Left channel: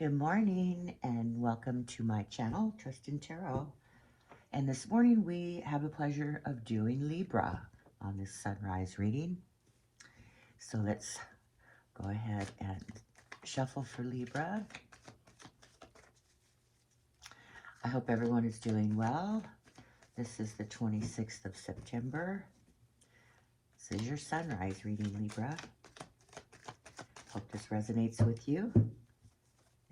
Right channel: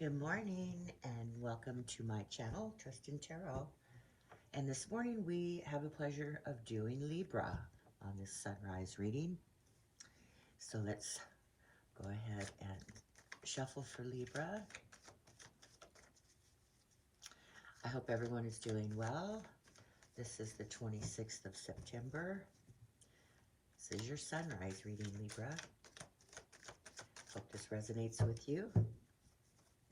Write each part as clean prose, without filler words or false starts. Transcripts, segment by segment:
Good morning and welcome to my channel, Tristan Tarot. And this morning we have the pleasure of doing Libra on this sunrise reading. So let's go ahead and shuffle for Libra. I hope everyone is doing well. This is the 26th of September. This is your sunrise reading, Libra. Hope this resonates with you.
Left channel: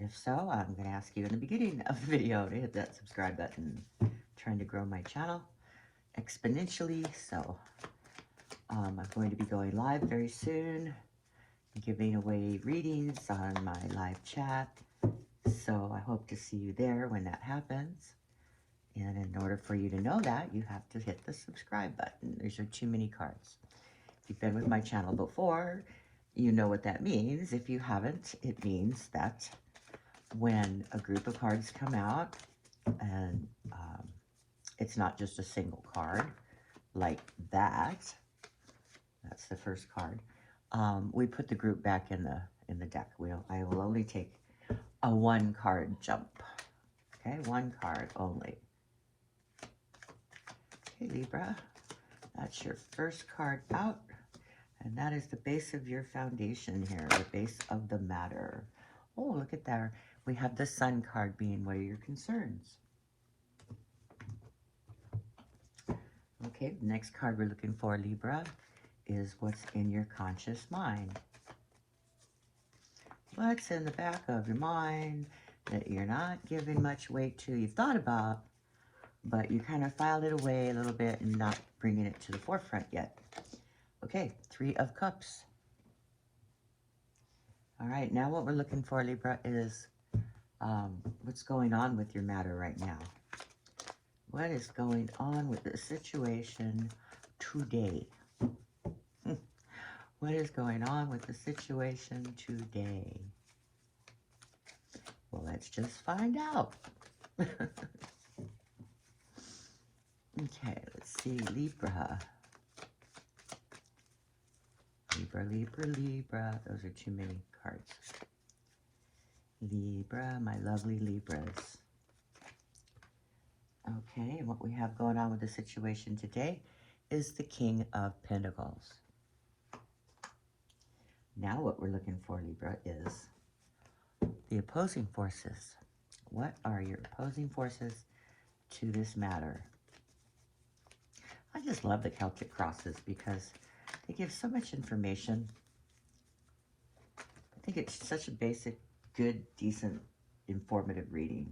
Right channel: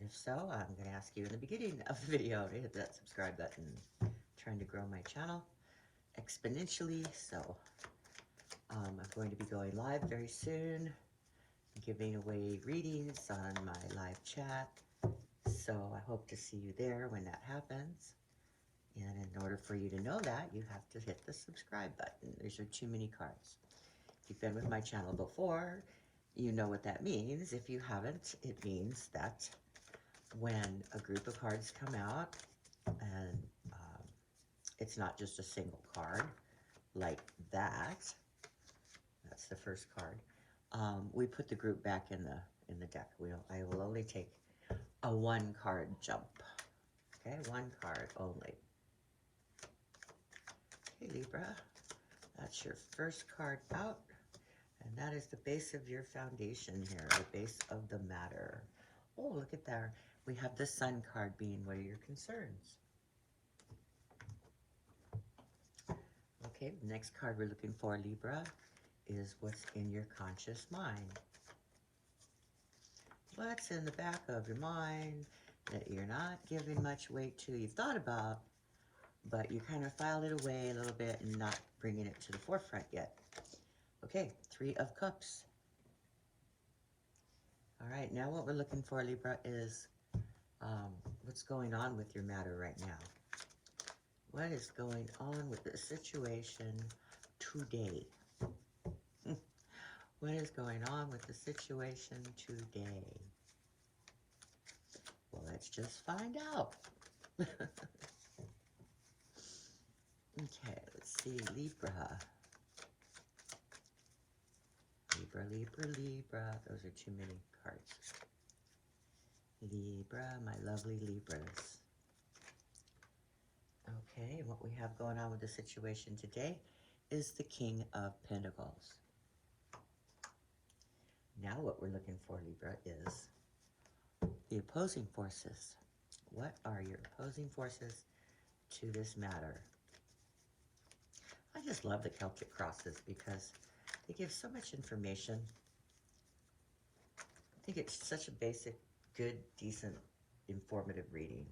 If so, I'm going to ask you in the beginning of the video to hit that subscribe button. I'm trying to grow my channel exponentially, so I'm going to be going live very soon, giving away readings on my live chat. So I hope to see you there when that happens. And in order for you to know that, you have to hit the subscribe button. There's too many cards. If you've been with my channel before, you know what that means. If you haven't, it means that when a group of cards come out, and it's not just a single card like that, that's the first card, we put the group back in the deck. I will only take a one card jump. Okay, one card only. Okay, Libra, that's your first card out, and that is the base of your foundation here, the base of the matter. Oh, look at that. We have the Sun card being, what are your concerns? Okay, the next card we're looking for, Libra, is what's in your conscious mind. What's in the back of your mind that you're not giving much weight to, you've thought about, but you kind of filed it away a little bit and not bringing it to the forefront yet. Okay, Three of Cups. All right, now what we're looking for, Libra, is what's going on with your matter right now. What is going on with the situation today? What is going on with the situation today? Well, let's just find out. Okay, let's see, Libra. Libra, Libra, Libra. Those are too many cards. Libra, my lovely Libras. Okay, what we have going on with the situation today is the King of Pentacles. Now what we're looking for, Libra, is the opposing forces. What are your opposing forces to this matter? I just love the Celtic crosses because they give so much information. I think it's such a basic, good, decent, informative reading.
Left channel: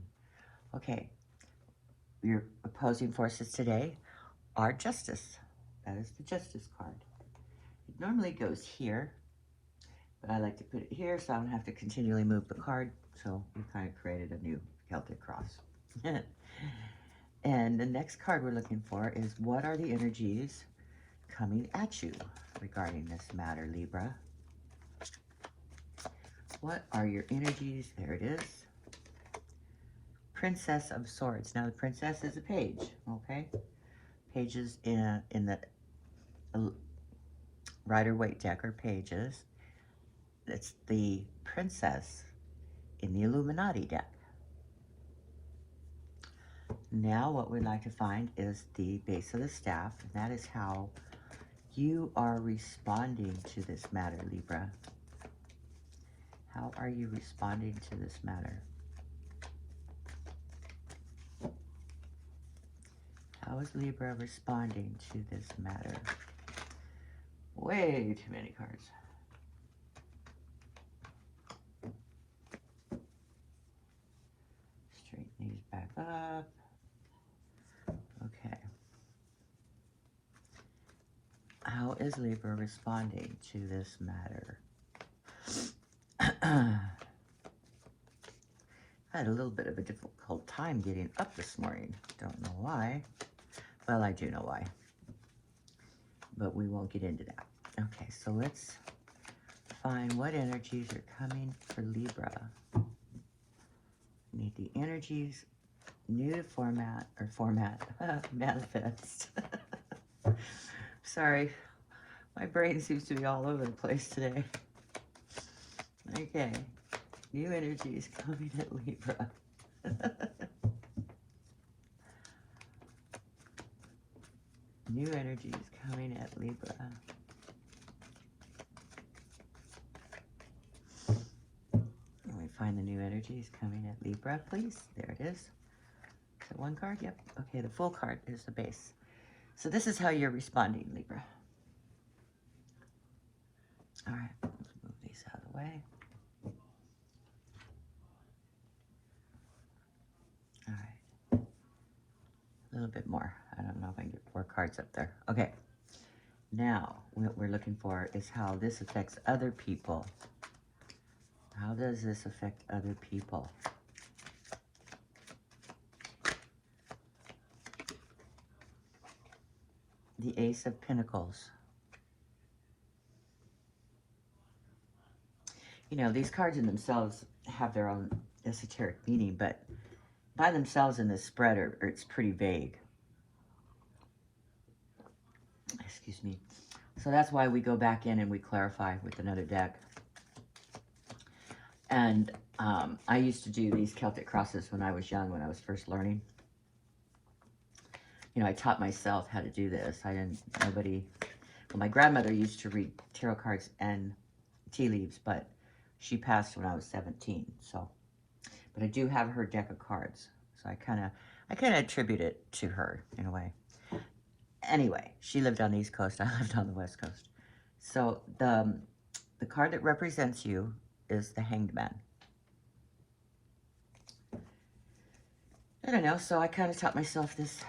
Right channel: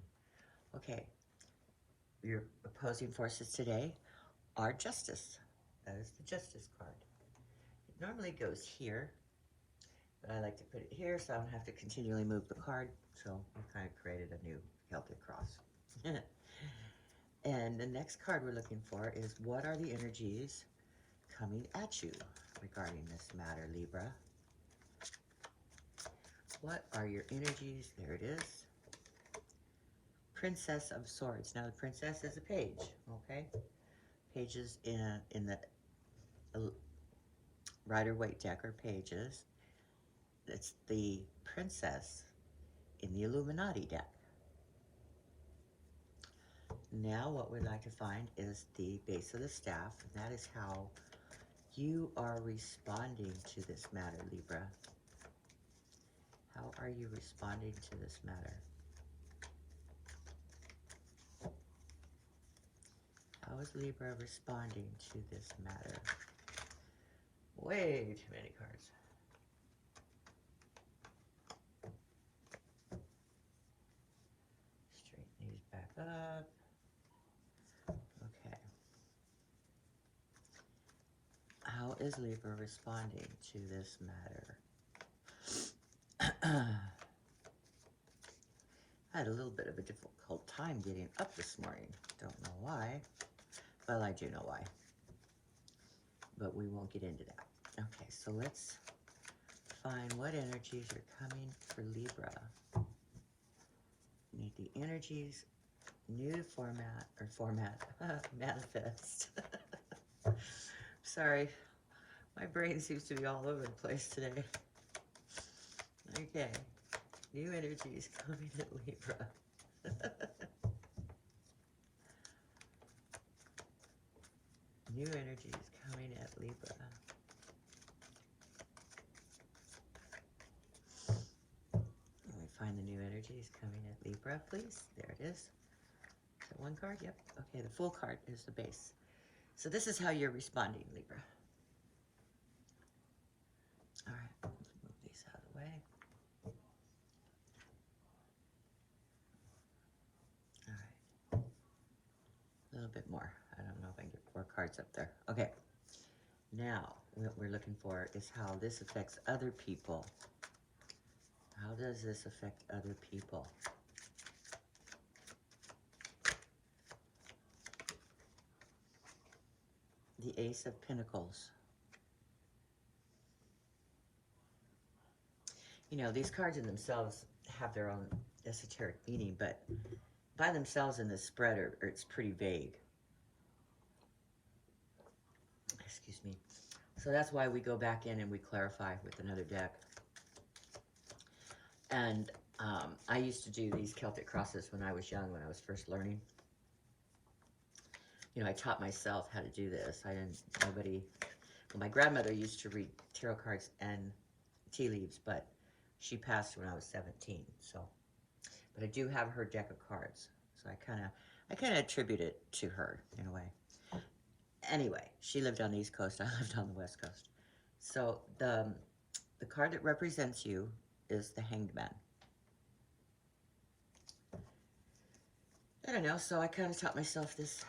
Okay, your opposing forces today are Justice. That is the Justice card. It normally goes here, but I like to put it here so I don't have to continually move the card. So we kind of created a new Celtic cross. And the next card we're looking for is what are the energies coming at you regarding this matter, Libra? What are your energies? There it is. Princess of Swords. Now the princess is a page, okay? Pages in the Rider-Waite deck are pages. It's the princess in the Illuminati deck. Now what we'd like to find is the base of the staff, and that is how you are responding to this matter, Libra. How are you responding to this matter? How is Libra responding to this matter? Way too many cards. Straighten these back up. Okay. How is Libra responding to this matter? I had a little bit of a difficult time getting up this morning. Don't know why. Well, I do know why. But we won't get into that. Okay, so let's find what energies are coming for Libra. We need the energies, new to manifest. Sorry, my brain seems to be all over the place today. Okay, New energy is coming at Libra. New energy is coming at Libra. Let me find the new energies coming at Libra, please. There it is. Is it one card? Yep. Okay, the full card is the base. So this is how you're responding, Libra. All right, let's move these out of the way. All right. A little bit more. I don't know if I can get 4 cards up there. Okay. Now, what we're looking for is how this affects other people. How does this affect other people? The Ace of Pentacles. You know, these cards in themselves have their own esoteric meaning, but by themselves in this spread it's pretty vague. Excuse me. So that's why we go back in and we clarify with another deck. And I used to do these Celtic crosses when I was young, when I was first learning. You know, I taught myself how to do this. Well, my grandmother used to read tarot cards and tea leaves, but she passed when I was 17, so. But I do have her deck of cards, so I kind of attribute it to her in a way. Anyway, she lived on the East Coast, I lived on the West Coast. So the card that represents you is the Hanged Man. I don't know, so I kind of taught myself these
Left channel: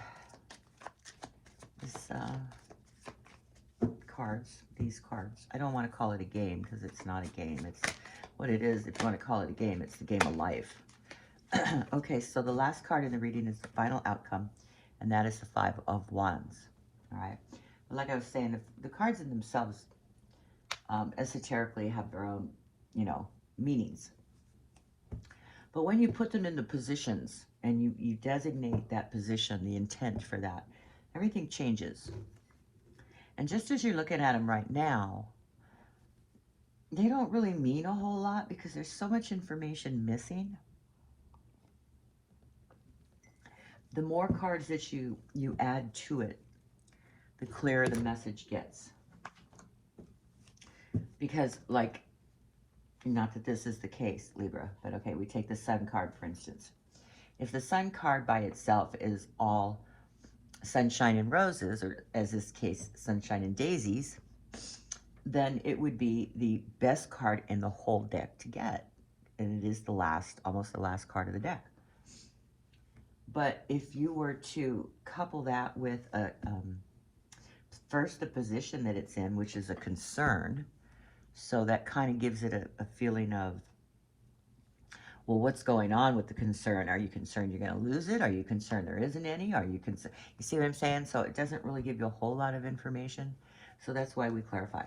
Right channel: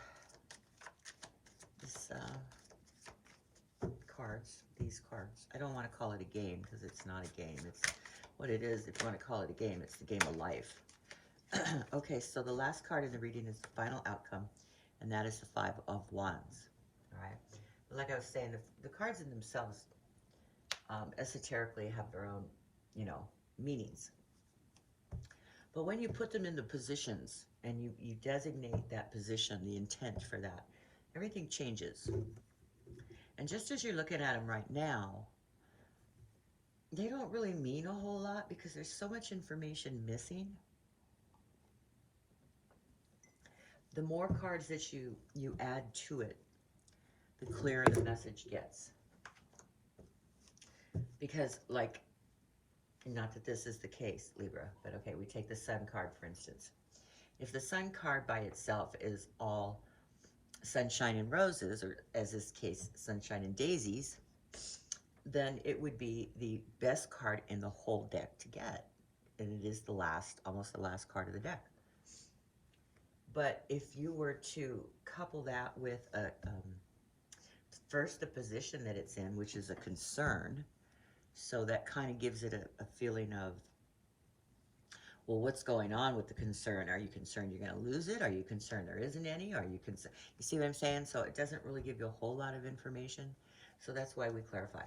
cards. I don't want to call it a game because it's not a game. It's what it is. If you want to call it a game, it's the game of life. Okay, so the last card in the reading is the final outcome, and that is the 5 of Wands. All right. But like I was saying, the cards in themselves esoterically have their own, you know, meanings. But when you put them in the positions and you designate that position, the intent for that, everything changes. And just as you're looking at them right now, they don't really mean a whole lot because there's so much information missing. The more cards that you add to it, the clearer the message gets. Because, like, not that this is the case, Libra, but okay, we take the Sun card, for instance. If the Sun card by itself is all sunshine and roses, or as this case, sunshine and daisies, then it would be the best card in the whole deck to get. And it is the last, almost the last card of the deck. But if you were to couple that with first the position that it's in, which is a concern, so that kind of gives it a feeling of, well, what's going on with the concern? Are you concerned you're going to lose it? Are you concerned there isn't any? Are you concerned? You see what I'm saying? So it doesn't really give you a whole lot of information. So that's why we clarify.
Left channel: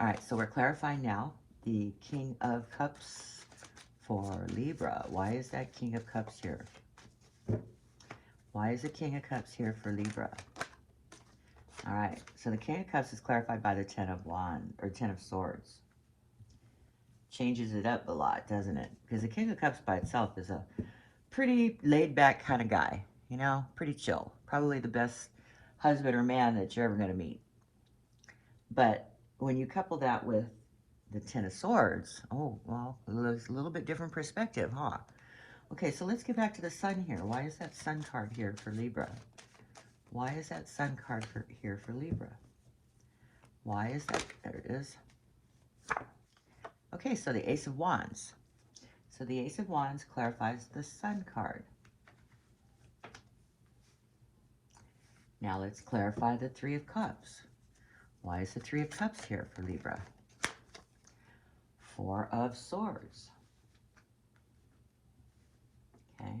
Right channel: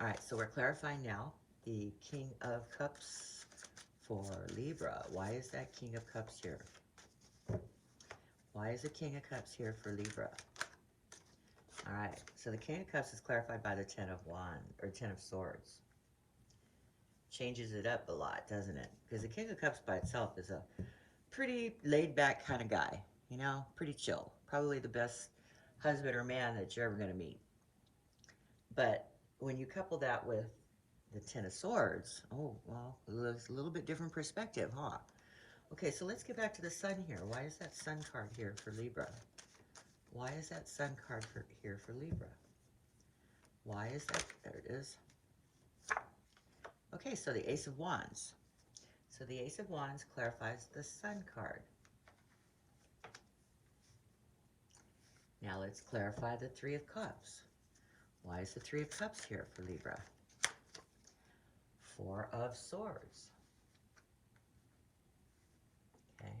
All right, so we're clarifying now the King of Cups for Libra. Why is that King of Cups here? Why is the King of Cups here for Libra? All right, so the King of Cups is clarified by the 10 of Wands, or 10 of Swords. Changes it up a lot, doesn't it? Because the King of Cups by itself is a pretty laid-back kind of guy, you know, pretty chill. Probably the best husband or man that you're ever going to meet. But when you couple that with the 10 of Swords, oh, well, it's a little bit different perspective, huh? Okay, so let's get back to the Sun here. Why is that Sun card here for Libra? Why is that Sun card here for Libra? Why is that? There it is. Okay, so the Ace of Wands. So the Ace of Wands clarifies the Sun card. Now let's clarify the 3 of Cups. Why is the 3 of Cups here for Libra? 4 of Swords. Okay.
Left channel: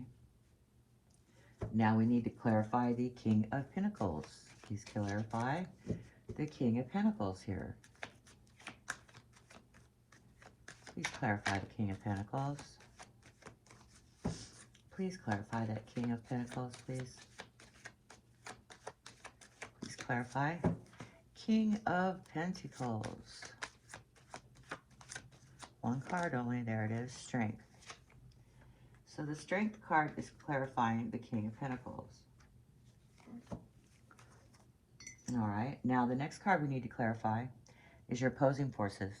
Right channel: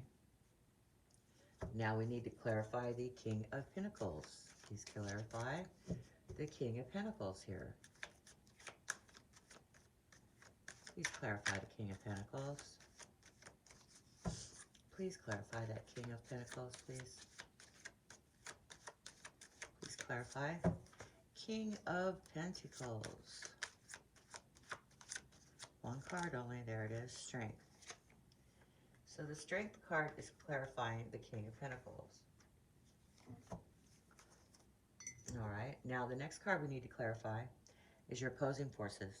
Now we need to clarify the King of Pentacles. Please clarify the King of Pentacles here. Please clarify the King of Pentacles. Please clarify that King of Pentacles, please. Please clarify. King of Pentacles. One card only. There it is. Strength. So the Strength card is clarifying the King of Pentacles. All right. Now the next card we need to clarify is your opposing forces.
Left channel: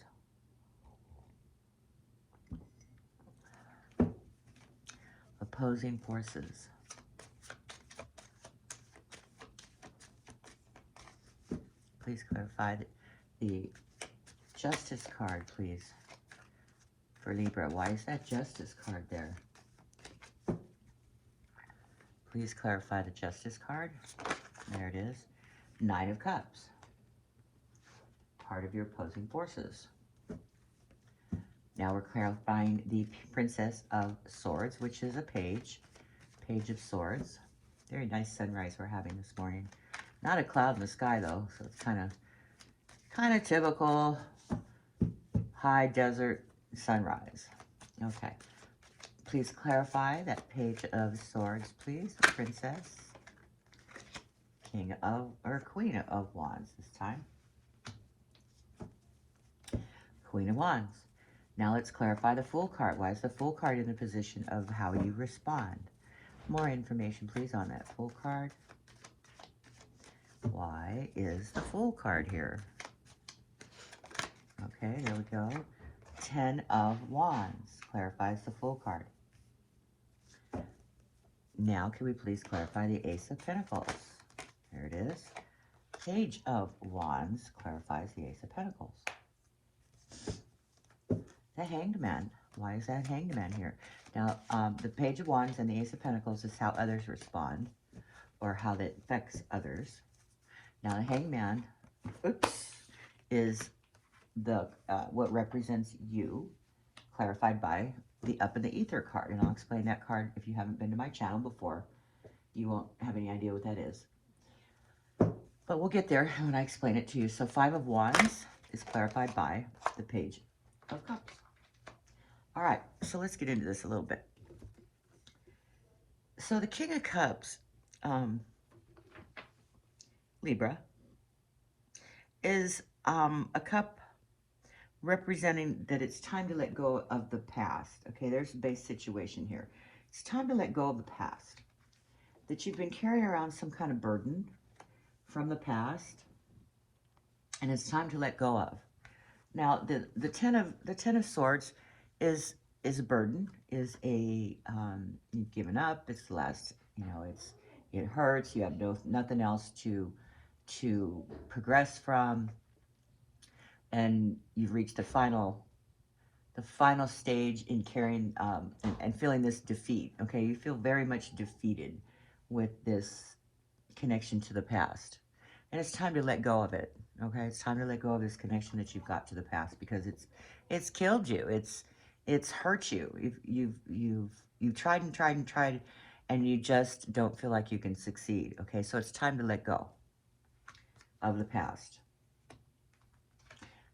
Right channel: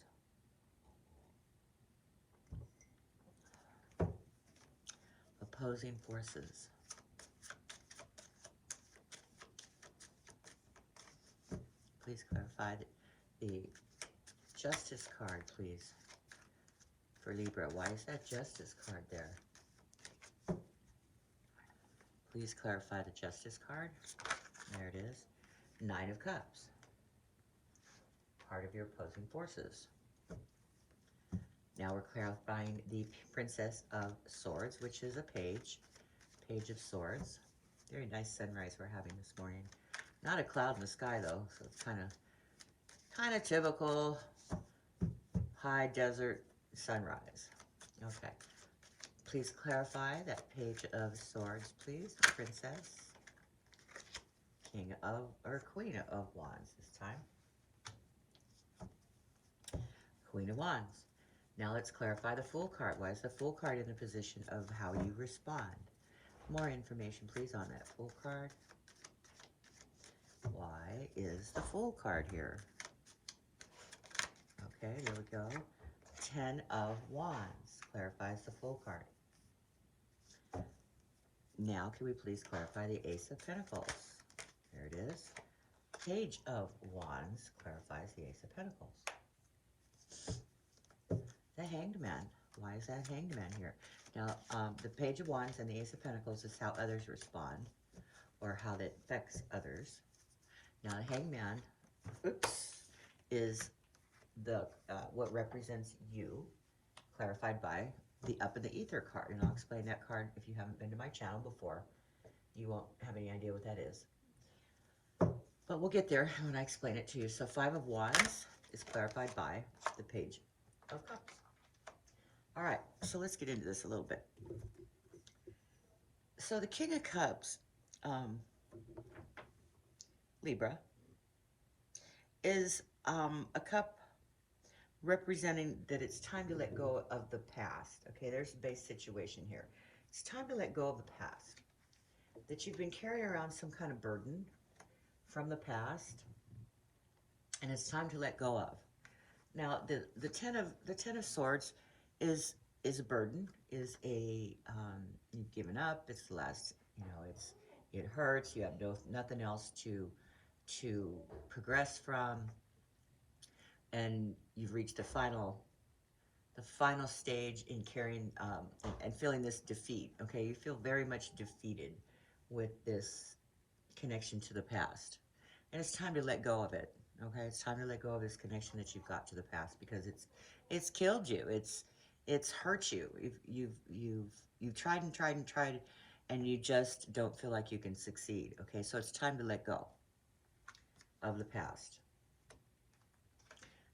Opposing forces. Please clarify the Justice card, please, for Libra. Why is that Justice card there? Please clarify the Justice card. There it is. Knight of Cups. Part of your opposing forces. Now we're clarifying the Princess of Swords, which is a page. Page of Swords. Very nice sunrise we're having this morning. Not a cloud in the sky though, so it's kind of typical high desert sunrise. Okay. Please clarify that Page of Swords, please. Princess. King of, or Queen of Wands this time. Queen of Wands. Now let's clarify the Fool card. Why is the Fool card in the position of how you respond? More information, please, on that Fool card. Why is the Fool card here? Okay, there we go. 10 of Wands clarifies the Fool card. Now, can we please clarify the Ace of Pentacles? There it is. Page of Wands clarifies the Ace of Pentacles. The Hanged Man. Why is that Hanged Man here? Now, the Page of Wands and the Ace of Pentacles is how others respond, or how that affects others. Now, the Hanged Man, is the what represents you, clarified by the Up in the Ether card. And I'll explain that card. If you haven't been to my channel before, you won't have any idea what that is. But we'll get there when I explain it to you. So 5 of Wands is clarified by the Page of Cups. All right, so let's get into this a little bit. So the King of Cups, Libra, is a cup representing that it's time to let go of the past. Okay, there's a base situation here. It's time to let go of the past. That you've been carrying around some kind of burden from the past, and it's time to let go of. Now, the ten of Swords is a burden, is a you've given up. It's the last, you know, it hurts. You have nothing else to progress from, and you've reached the final stage in carrying and feeling this defeat. Okay, you feel very much defeated with this connection to the past, and it's time to let go of it. Okay, it's time to let go of this connection that you've got to the past, because it's killed you. It's hurt you. You've tried and tried and tried, and you just don't feel like you can succeed. Okay, so it's time to let go of the past.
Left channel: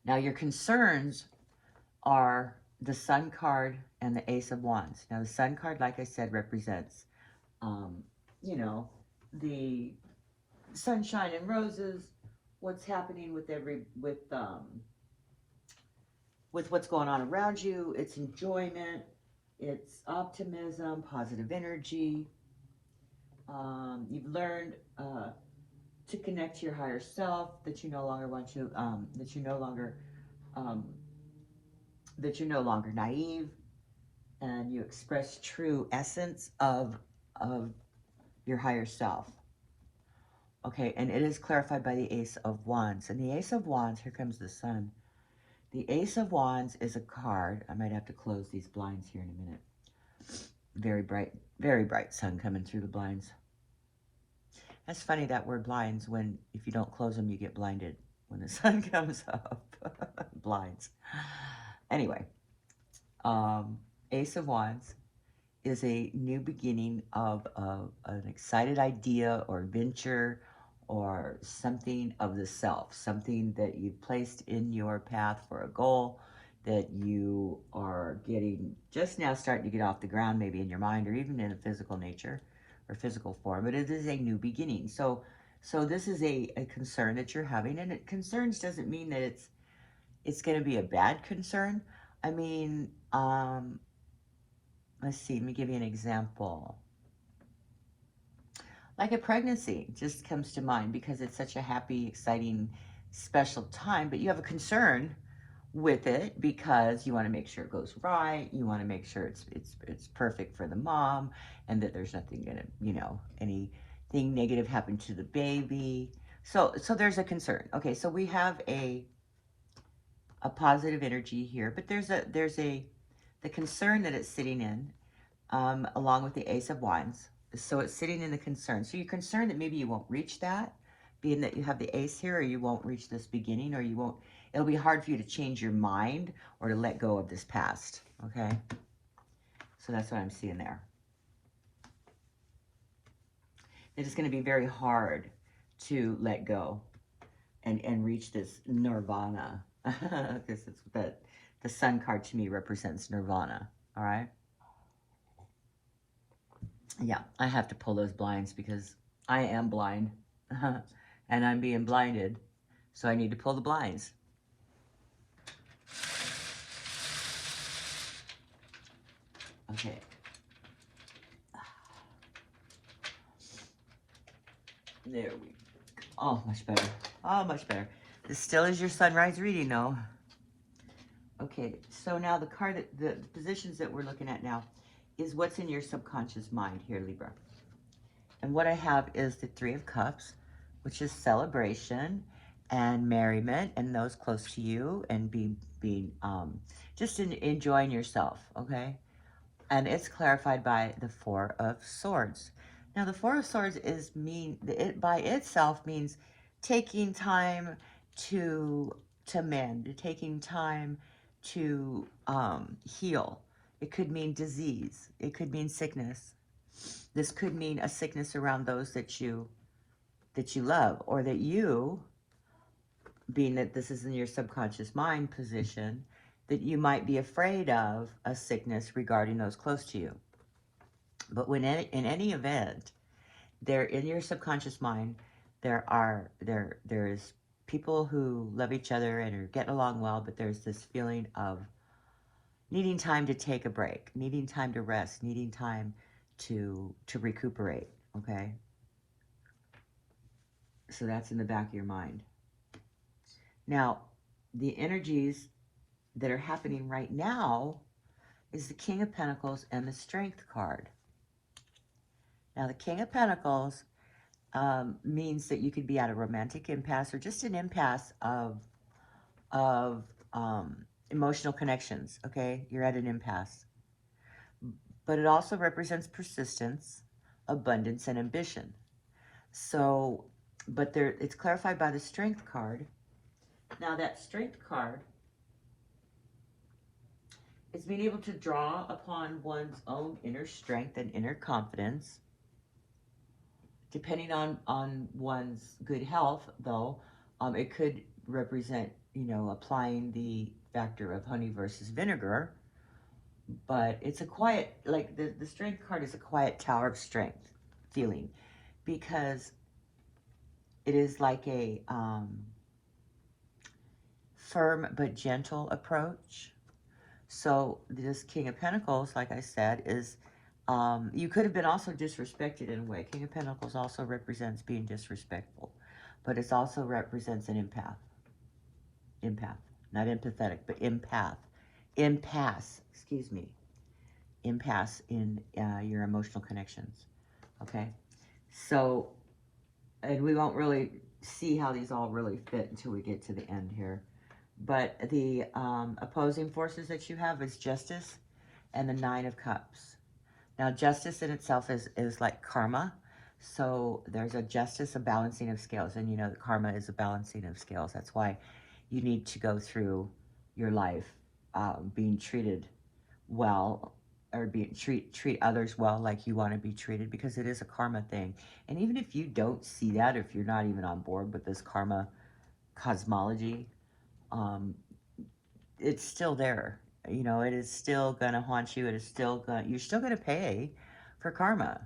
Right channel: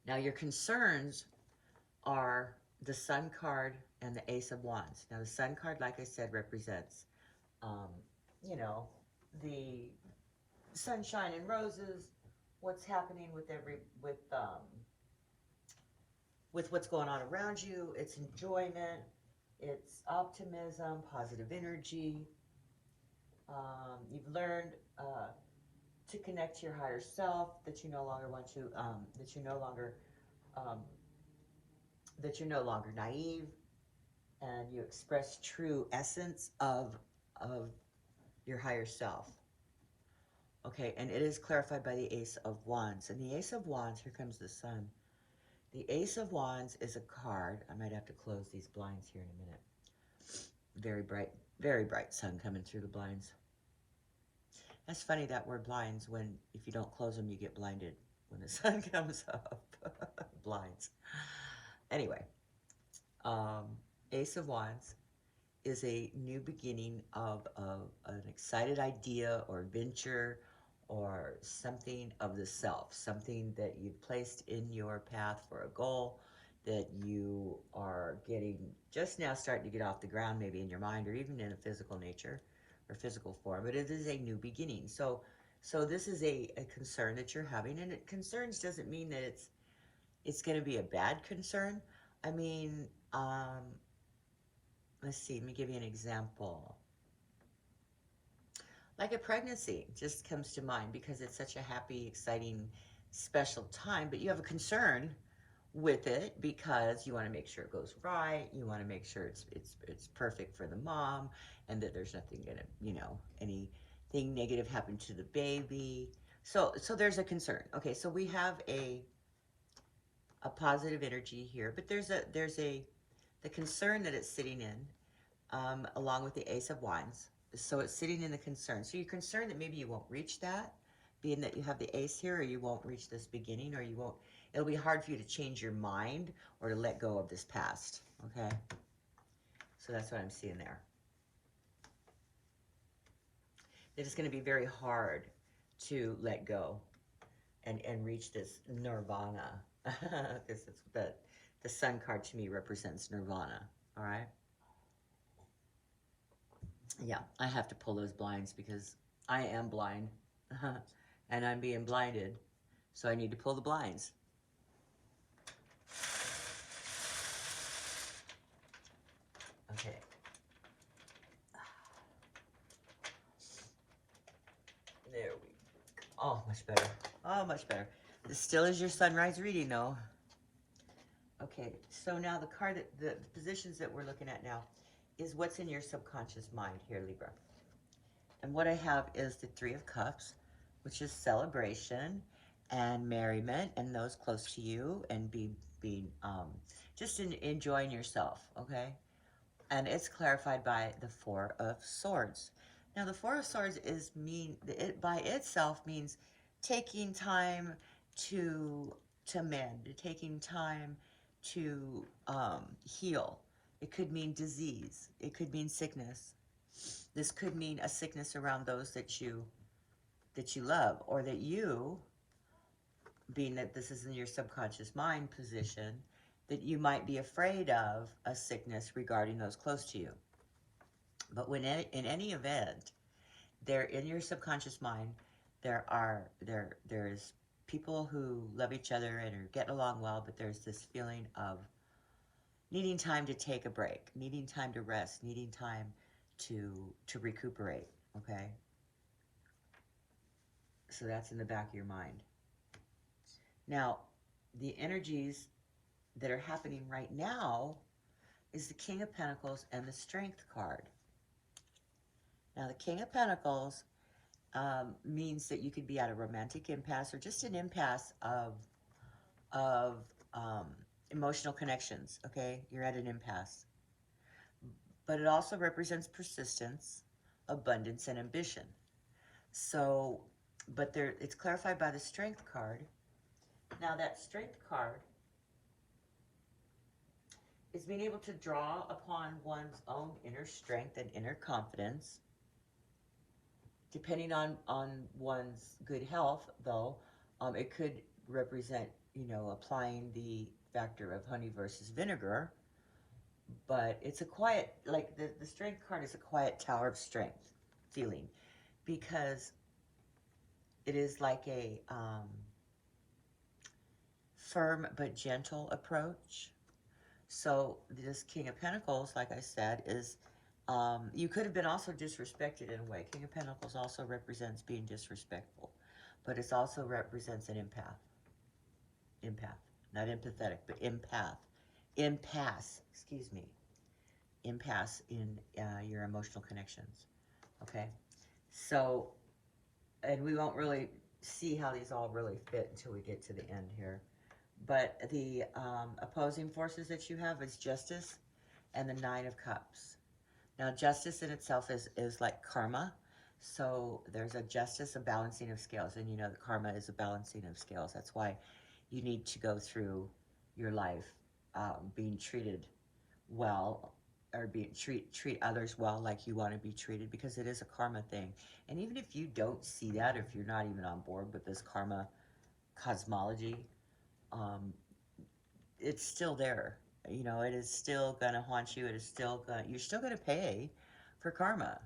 Now, your concerns are the Sun card and the Ace of Wands. Now, the Sun card, like I said, represents, you know, the sunshine and roses, what's happening with what's going on around you. It's enjoyment, it's optimism, positive energy. You've learned to connect to your higher self, that you no longer want to, that you're no longer naive, and you express true essence of your higher self. Okay, and it is clarified by the Ace of Wands. And the Ace of Wands, here comes the Sun. The Ace of Wands is a card. I might have to close these blinds here in a minute. Very bright sun coming through the blinds. That's funny, that word blinds, when if you don't close them, you get blinded when the sun comes up. Blinds. Anyway, Ace of Wands is a new beginning of an excited idea or venture, or something of the self, something that you've placed in your path for a goal that you are getting, just now starting to get off the ground, maybe in your mind, or even in a physical nature or physical form, but it is a new beginning. So this is a concern that you're having, and concerns doesn't mean that it's going to be a bad concern. I mean, let's see, let me give you an example. Like a pregnancy just comes to mind because it's such a happy, exciting, special time, but you have a concern with it because you want to make sure it goes right. You want to make sure it's perfect for the mom and that there's nothing gonna, you know, anything negative happen to the baby. So there's a concern. Okay, so we have a positive energy here, but there's the concern that it's sitting in, along with the Ace of Wands. So it's sitting in the concern. So you're concerned that maybe you won't reach that, being that you have the Ace here, or you won't reach this beginning, or you won't, it'll be hard for you to change your mind or to let go of this past, okay? So that's what I'm seeing there. It's going to be very hard to let go and reach this nirvana. This is the sun card to me represents nirvana, all right? Yeah, I have to pull those blinds because I am blind and I'm being blinded. So I need to pull the blinds. Okay. There we go. Oh, much better. Oh, much better. This still is your sunrise reading, though. Okay, so now the card, the positions that we're looking at now is what's in your subconscious mind here, Libra. And what I have is the Three of Cups, which is celebration and merriment and those close to you and just enjoying yourself, okay? And it's clarified by the Four of Swords. Now, the Four of Swords by itself means taking time to mend, taking time to heal. It could mean disease. It could mean sickness. This could mean a sickness around those that you love, or that you, being that this is in your subconscious mind position, that you might be afraid of a sickness regarding those close to you. But when in any event, they're in your subconscious mind. There's people who love each other and are getting along well, but there's this feeling of needing time to take a break, needing time to rest, needing time to recuperate, okay? So that's in the back of your mind. Now, the energies that are happening right now is the King of Pentacles and the Strength card. Now, the King of Pentacles means that you could be at a romantic impasse or just an impasse of emotional connections, okay? You're at an impasse. But it also represents persistence, abundance, and ambition. So, but it's clarified by the Strength card. Now, that Strength card is being able to draw upon one's own inner strength and inner confidence. Depending on one's good health, though, it could represent, you know, applying the factor of honey versus vinegar. But it's a quiet, like the Strength card is a quiet tower of strength feeling, because it is like a firm but gentle approach. So this King of Pentacles, like I said, is you could have been also disrespected in a way. King of Pentacles also represents being disrespectful, but it also represents an empath. Empath, not empathetic, but empath. Impasse, excuse me. Impasse in your emotional connections, okay? So, and we won't really see how these all really fit until we get to the end here. But the opposing forces that you have is Justice and the Nine of Cups. Now, justice in itself is like karma. So there's a justice, a balancing of scales. And you know that karma is a balancing of scales. That's why you need to go through your life being treated well, or treat others well like you want to be treated, because it is a karma thing. And even if you don't see that, if you're not even on board with this karma cosmology, it's still there. You know, it is still going to haunt you. It is still you're still going to pay for karma,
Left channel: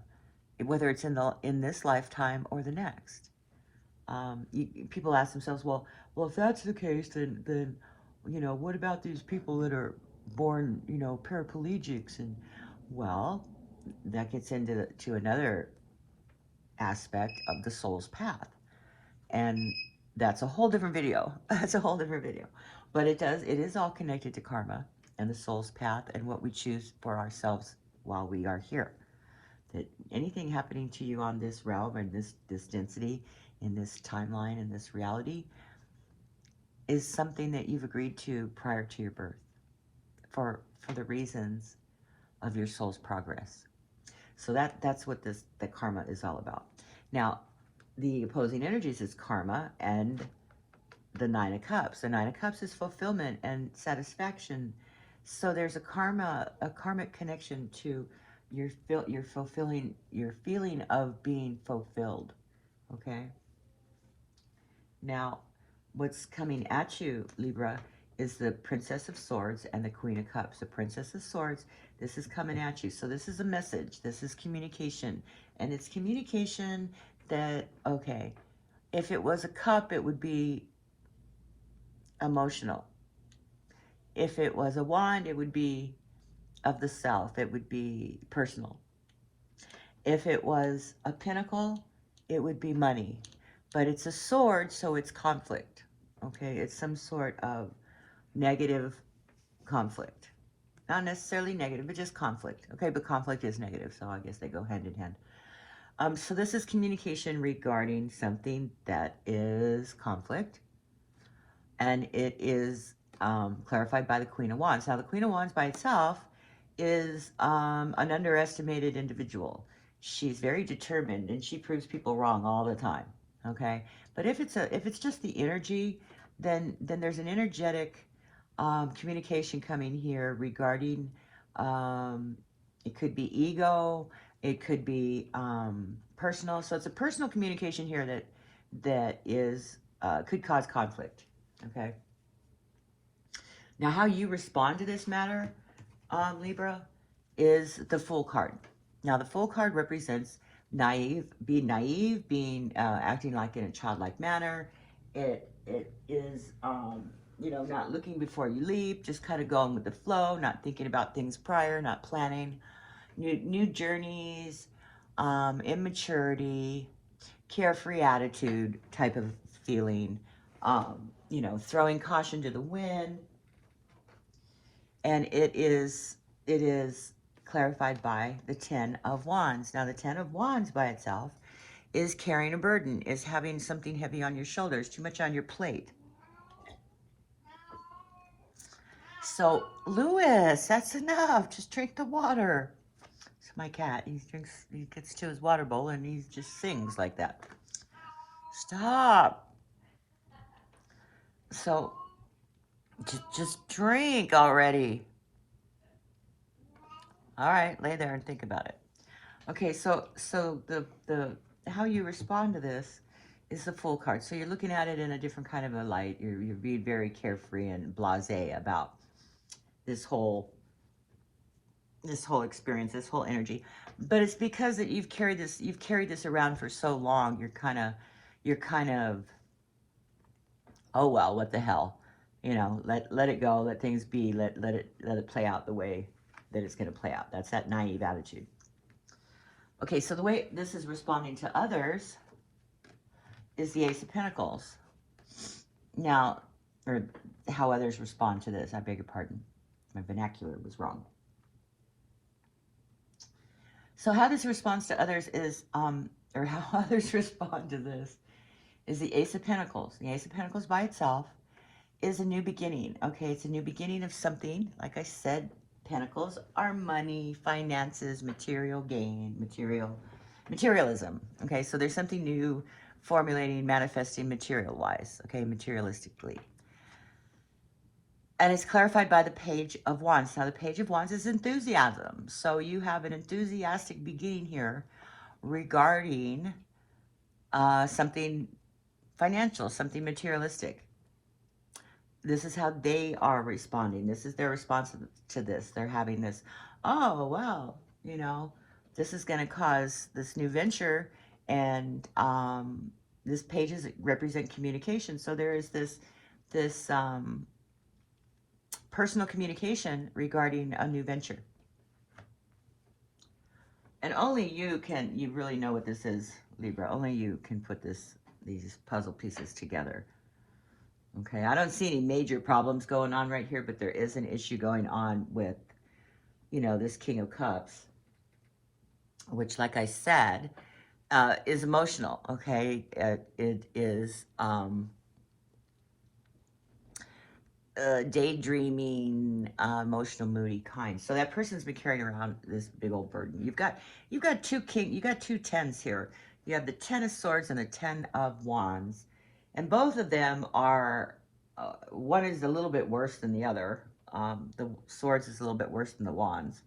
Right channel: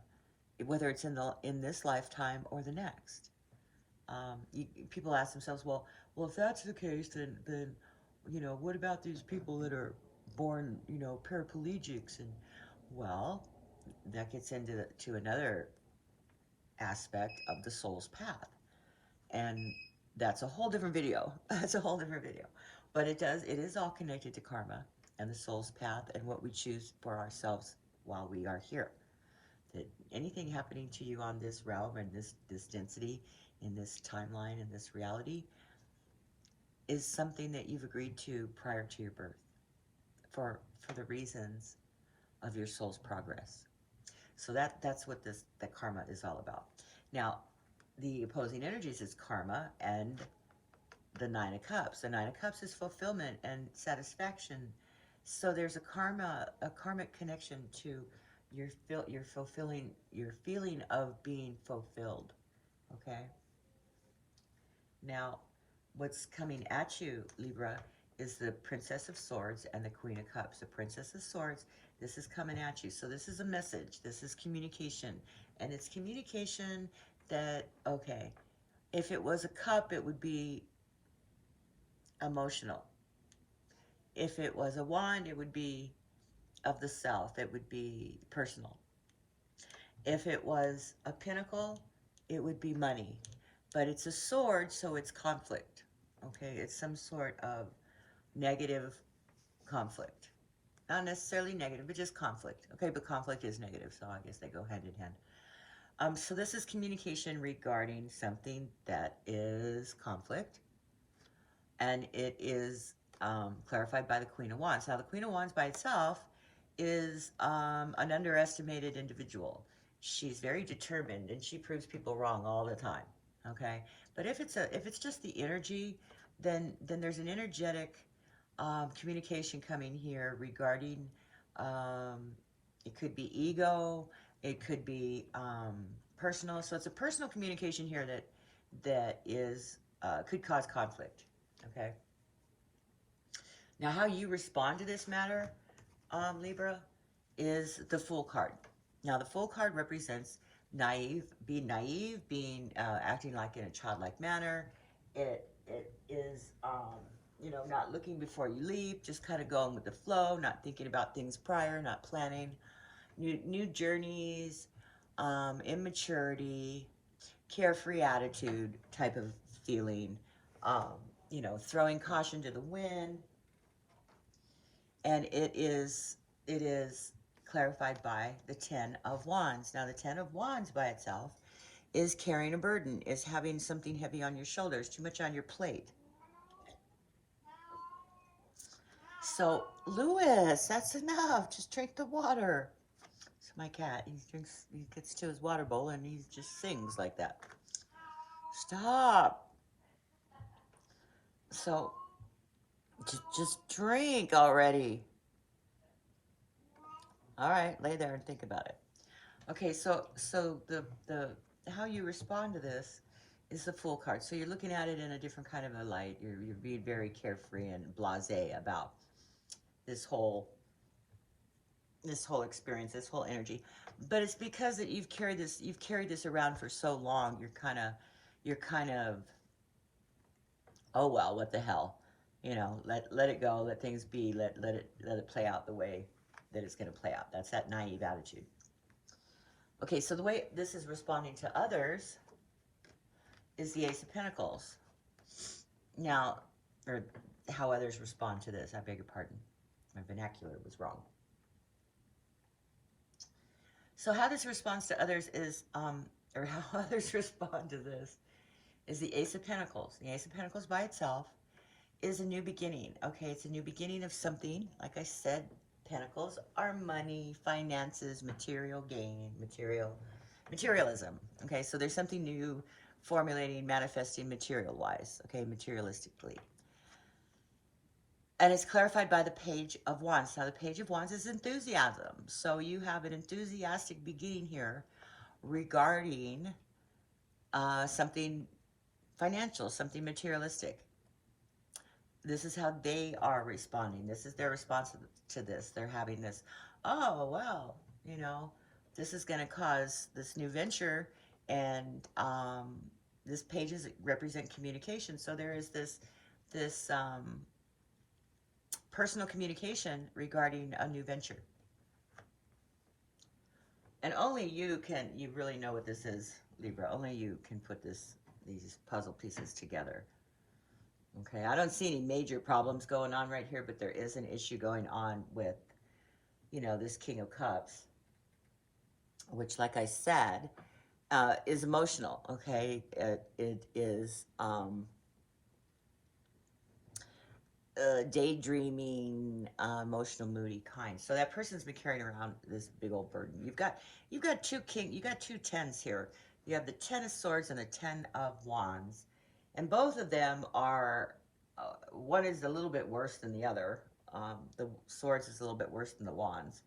whether it's in this lifetime or the next. People ask themselves, well, if that's the case, then you know, what about these people that are born, you know, paraplegics. And, well, that gets into another aspect of the soul's path. And that's a whole different video. That's a whole different video. But it is all connected to karma and the soul's path and what we choose for ourselves while we are here. That anything happening to you on this realm and this density, in this timeline, in this reality, is something that you've agreed to prior to your birth for the reasons of your soul's progress. So that's what the karma is all about. Now, the opposing energies is karma and the Nine of Cups. The Nine of Cups is fulfillment and satisfaction. So there's a karmic connection to your feeling of being fulfilled. Okay. Now, what's coming at you, Libra, is the Princess of Swords and the Queen of Cups. The Princess of Swords, this is coming at you. So this is a message. This is communication. And it's communication that, okay, if it was a cup, it would be emotional. If it was a wand, it would be of the self. It would be personal. If it was a pentacle, it would be money. But it's a sword, so it's conflict. Okay, it's some sort of negative conflict. Not necessarily negative, but just conflict. Okay, but conflict is negative, so I guess they go hand in hand. So this is communication regarding something that is conflict. And it is clarified by the Queen of Wands. Now, the Queen of Wands by itself is an underestimated individual. She's very determined, and she proves people wrong all the time. Okay, but if it's just the energy, then there's an energetic communication coming here regarding it could be ego, it could be personal. So it's a personal communication here that is could cause conflict. Okay. Now, how you respond to this matter, Libra, is the Fool card. Now, the Fool card represents being naive, acting like in a childlike manner. It is, you know, not looking before you leap, just kind of going with the flow, not thinking about things prior, not planning. New journeys, immaturity, carefree attitude type of feeling, you know, throwing caution to the wind. And it is clarified by the Ten of Wands. Now, the Ten of Wands by itself is carrying a burden, is having something heavy on your shoulders, too much on your plate. So, Lewis, that's enough. Just drink the water. It's my cat. He gets to his water bowl and he just sings like that. Stop. So, just drink already. All right, lay there and think about it. Okay, so the how you respond to this is the Fool card. So you're looking at it in a different kind of a light. You're being very carefree and blasé about this whole experience, this whole energy. But it's because that you've carried this around for so long. You're kind of oh well, what the hell, you know, let it go, let things be, let it play out the way that it's going to play out. That's that naive attitude. Okay, so the way this is responding to others is the Ace of Pentacles. Now, or how others respond to this, I beg your pardon. My vernacular was wrong. So how this responds to others is, or how others respond to this is the Ace of Pentacles. The Ace of Pentacles by itself is a new beginning. Okay, it's a new beginning of something. Like I said, Pentacles are money, finances, material gain, materialism. Okay, so there's something new formulating, manifesting material-wise, okay, materialistically. And it's clarified by the Page of Wands. Now, the Page of Wands is enthusiasm. So you have an enthusiastic beginning here regarding something financial, something materialistic. This is how they are responding. This is their response to this. They're having this, oh, well, you know, this is going to cause this new venture. And this pages represent communication. So there is this personal communication regarding a new venture. And only you really know what this is, Libra. Only you can put these puzzle pieces together. Okay, I don't see any major problems going on right here, but there is an issue going on with, you know, this King of Cups, which, like I said, is emotional, okay? It is daydreaming, emotional, moody kind. So that person's been carrying around this big old burden. You've got two tens here. You have the Ten of Swords and the Ten of Wands, and both of them are, one is a little bit worse than the other. The Swords is a little bit worse than the Wands,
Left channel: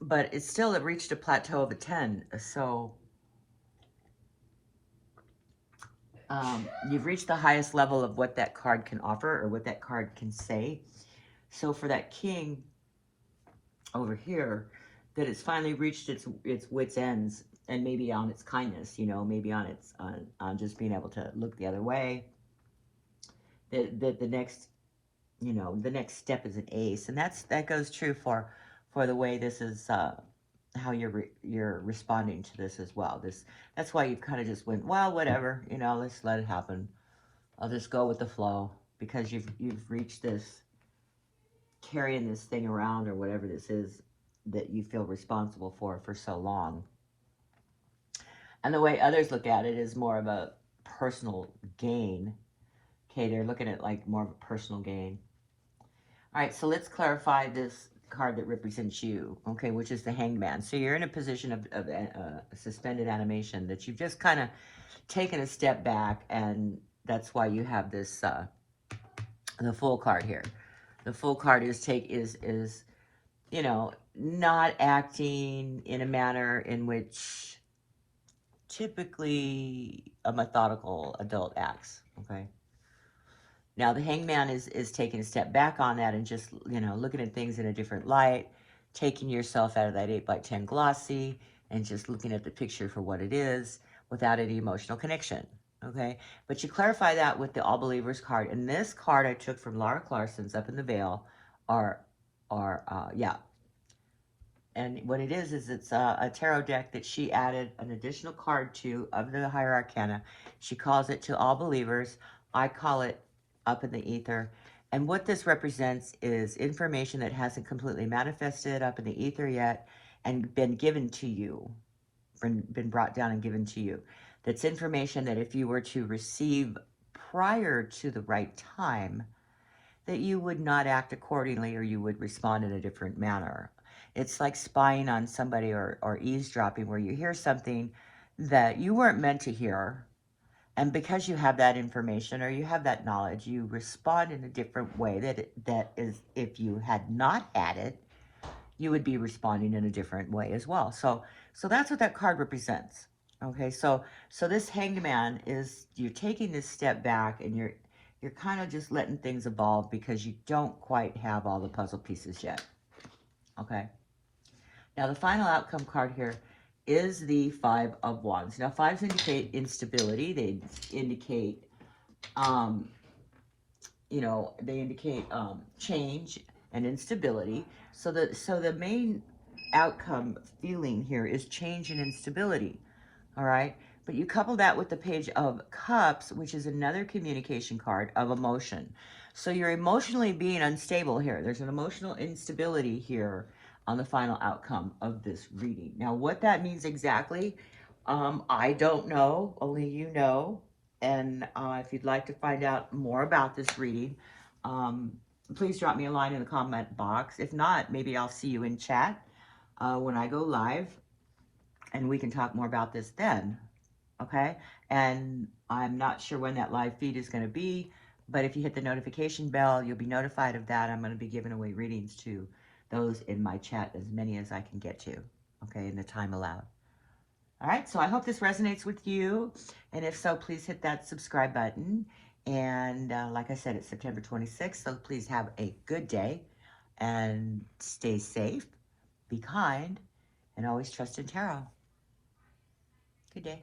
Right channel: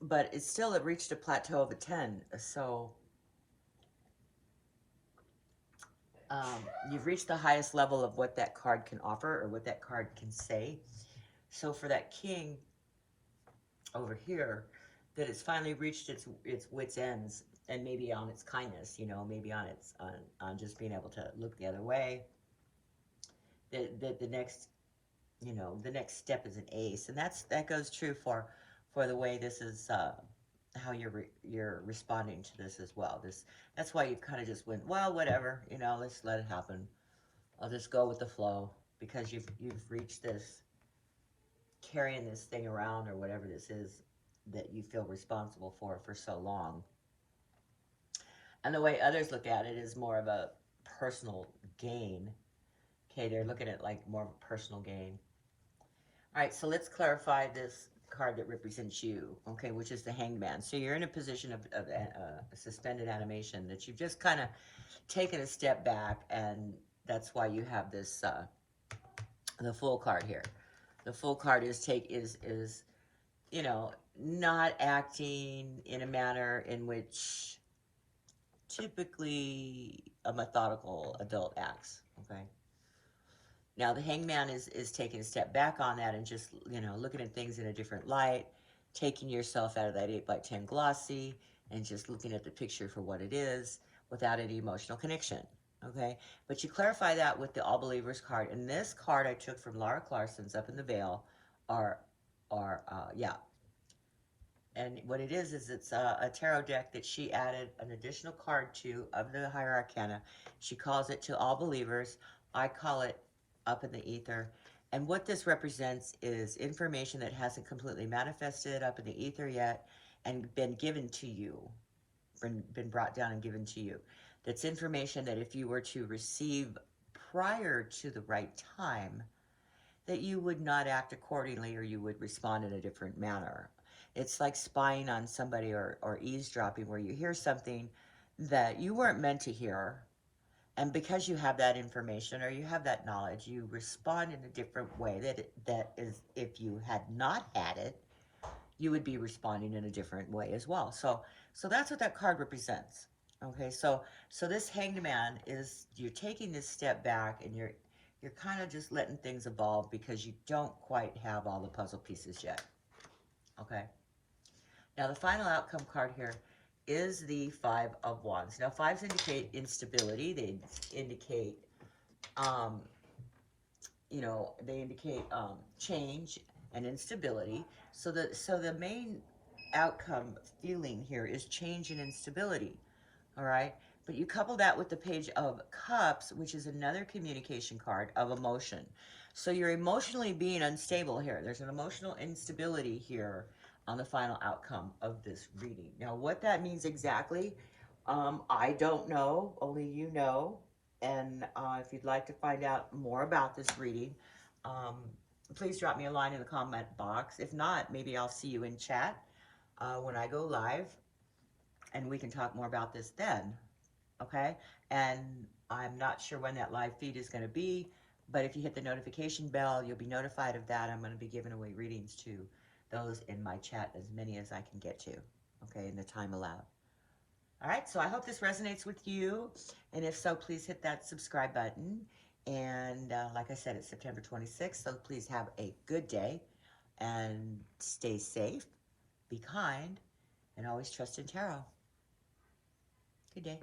but it's still, it reached a plateau of a 10. So you've reached the highest level of what that card can offer or what that card can say. So for that King over here, that it's finally reached its wit's ends, and maybe on its kindness, you know, maybe on its on just being able to look the other way. That the next, you know, the next step is an ace, and that goes true for the way this is, how you're responding to this as well. That's why you kind of just went, well, whatever, you know, let's let it happen. I'll just go with the flow, because you've reached this, carrying this thing around or whatever this is that you feel responsible for so long. And the way others look at it is more of a personal gain. Okay, they're looking at like more of a personal gain. All right, so let's clarify this card that represents you, okay, which is the Hangman. So you're in a position of suspended animation, that you've just kind of taken a step back, and that's why you have this, the Fool card here. The Fool card is, you know, not acting in a manner in which typically a methodical adult acts, okay? Now, the Hangman is taking a step back on that and just, you know, looking at things in a different light, taking yourself out of that 8x10 glossy and just looking at the picture for what it is without any emotional connection, okay? But you clarify that with the All Believers card. And this card I took from Laura Clarkson's Up in the Veil, yeah. And what it is it's a tarot deck that she added an additional card to of the Higher Arcana. She calls it To All Believers. I call it Up in the Ether. And what this represents is information that hasn't completely manifested up in the ether yet and been given to you, been brought down and given to you. That's information that if you were to receive prior to the right time, that you would not act accordingly, or you would respond in a different manner. It's like spying on somebody or eavesdropping, where you hear something that you weren't meant to hear, and because you have that information or you have that knowledge, you respond in a different way that is, if you had not had it, you would be responding in a different way as well. So that's what that card represents. Okay, so this Hangman is, you're taking this step back, and you're kind of just letting things evolve because you don't quite have all the puzzle pieces yet. Okay. Now, the final outcome card here is the Five of Wands. Now, fives indicate instability. They indicate, you know, they indicate change and instability. So the main outcome feeling here is change and instability. All right. But you couple that with the Page of Cups, which is another communication card of emotion. So you're emotionally being unstable here. There's an emotional instability here on the final outcome of this reading. Now, what that means exactly, I don't know. Only you know. And if you'd like to find out more about this reading, please drop me a line in the comment box. If not, maybe I'll see you in chat when I go live, and we can talk more about this then. Okay, and I'm not sure when that live feed is going to be, but if you hit the notification bell, you'll be notified of that. I'm going to be giving away readings to those in my chat, as many as I can get to, okay, in the time allowed. All right, so I hope this resonates with you, and if so, please hit that subscribe button. And like I said, it's September 26th, so please have a good day, and stay safe, be kind, and always trust in tarot. Good day.